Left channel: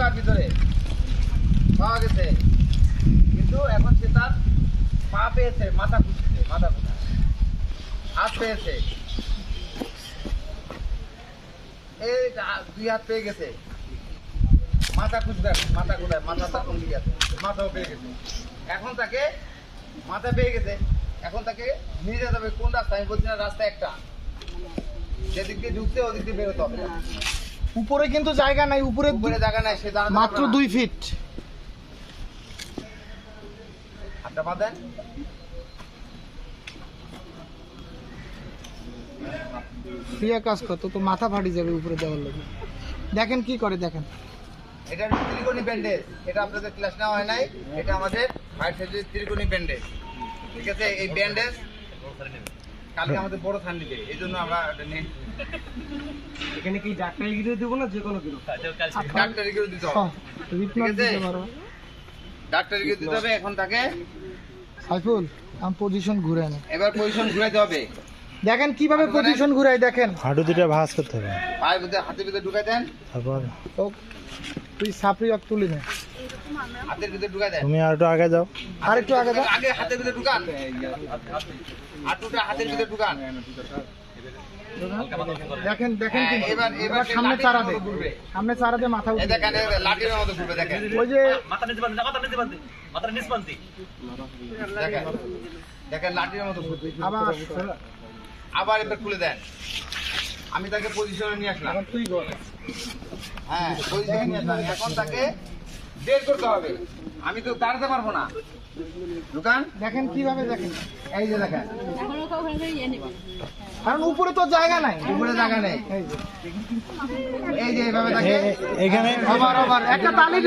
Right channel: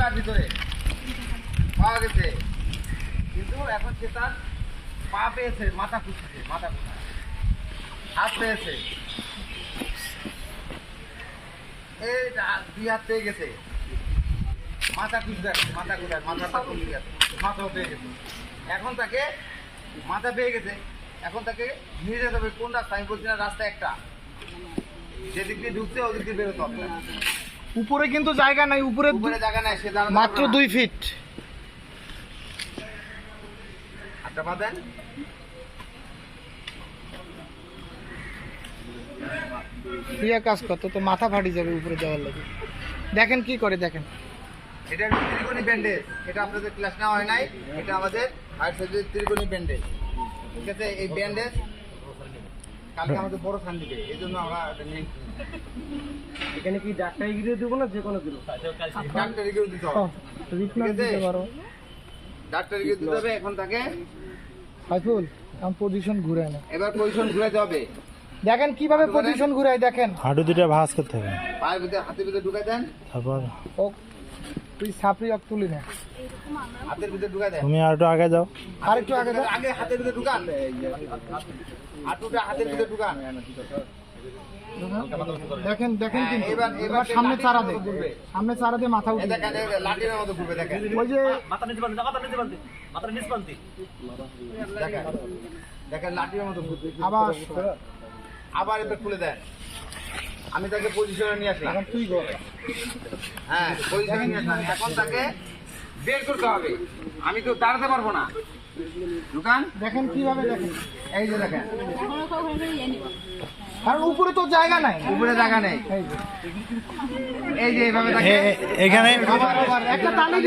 তার ভিতরে। পাওয়া গেছে। কিন্তু এখন সে তার পা পেয়েছে, মাথা খুঁজছে, মাথা হাত পেয়েছে। এই দুই হাত পেয়ে গেছে। মাথা মাথা কোন মাথাও পেয়ে গেছে। এখন তাকে মাথা পেয়ে গেছে। এখন তাকে নিয়ে যেতে হবে। কোন রাস্তা? আমি বলছি না, রাস্তা একটা। যেদিক দিয়ে ঢুকছে, ওদিক দিয়ে বেরোতে হবে। উপরে কিন্তু জায়গা নাই উপরে উপরে জায়গা নাই সে মাত্র দুই ফিট দেন প্রিয়া কাজ কত তো মাথা ফাটি যাবে উপরে দেওয়ার লাগে। দেখেন কি করে দেখেন। এটা ত্রিকোণী ব্যান্ডেজ। এটা আপনাদের ক্লাস নেওয়া হয় নাই এটা আমাদের হাইট সাইজের ত্রিকোণী ব্যান্ডেজ। ঠিক আছে? এই ব্যান্ডেজ কালকে আমাদের বড় থান দিবে এই জন্য আমরা এখানে কি ডাক্তার গিরে দেবো না যে কোনো কিছু? ডাক্তারিকেও দিতে হবে। ঠিক আছে? দিতে দিতে হবে এখন তাকে। সাইফুল আমি পজিশন ঘুরে এবার পজিশন ঘুরাইতে হবে। দেখেন কীভাবে পজিশন ঘুরাই দেখেন। হাঁটু দুটা ভাঁজ করতে হবে। পায়ের ভিতরে হাতের ভিতরে ঢুকাই দেন। তারপর ও তুই সাপড়ি অক তুলি না। হাতের ভিতরে ঢুকাই দেন। তুমি আর একটু আগে যাও। আর একটু আগে দাও আগে হাতের ভিতরে ঢুকান। হাঁটুটা হাতের ভিতরে ঢুকান। দেখেন দেখেন হ্যাঁ, কিন্তু। এবার- এবার সামনে চারা দে। সামনে চারা দে মাথা এই উঠে দেখেন লাঠির মতো ঘুরবে দেখেন। ওই যে মাথা নিচে বান্ধি মাথা নিচে বান্ধি মাথা নিচে বান্ধি দেখেন দেখেন লাঠির মতো ঘুরবে। আবার আবার এবার খুলে দেন। আমি তাকে পজিশনে নিয়ে আসলাম। এখন তুই হ্যাঁ পজিশনে নিয়ে আসলাম। এখন তাকে বের করতে হবে। আমি তো দাঁড়াতে পারব না। দোকান দেখেন কীভাবে দেখেন। এই যে দেখেন। এখন ওখানে করে ইয়ে নেব কারণ উপরে তো জায়গা নাই। উপরে জায়গা নেই। এই যে। এই যে এইভাবে এ- এখানে আবার আবার। একটা তালি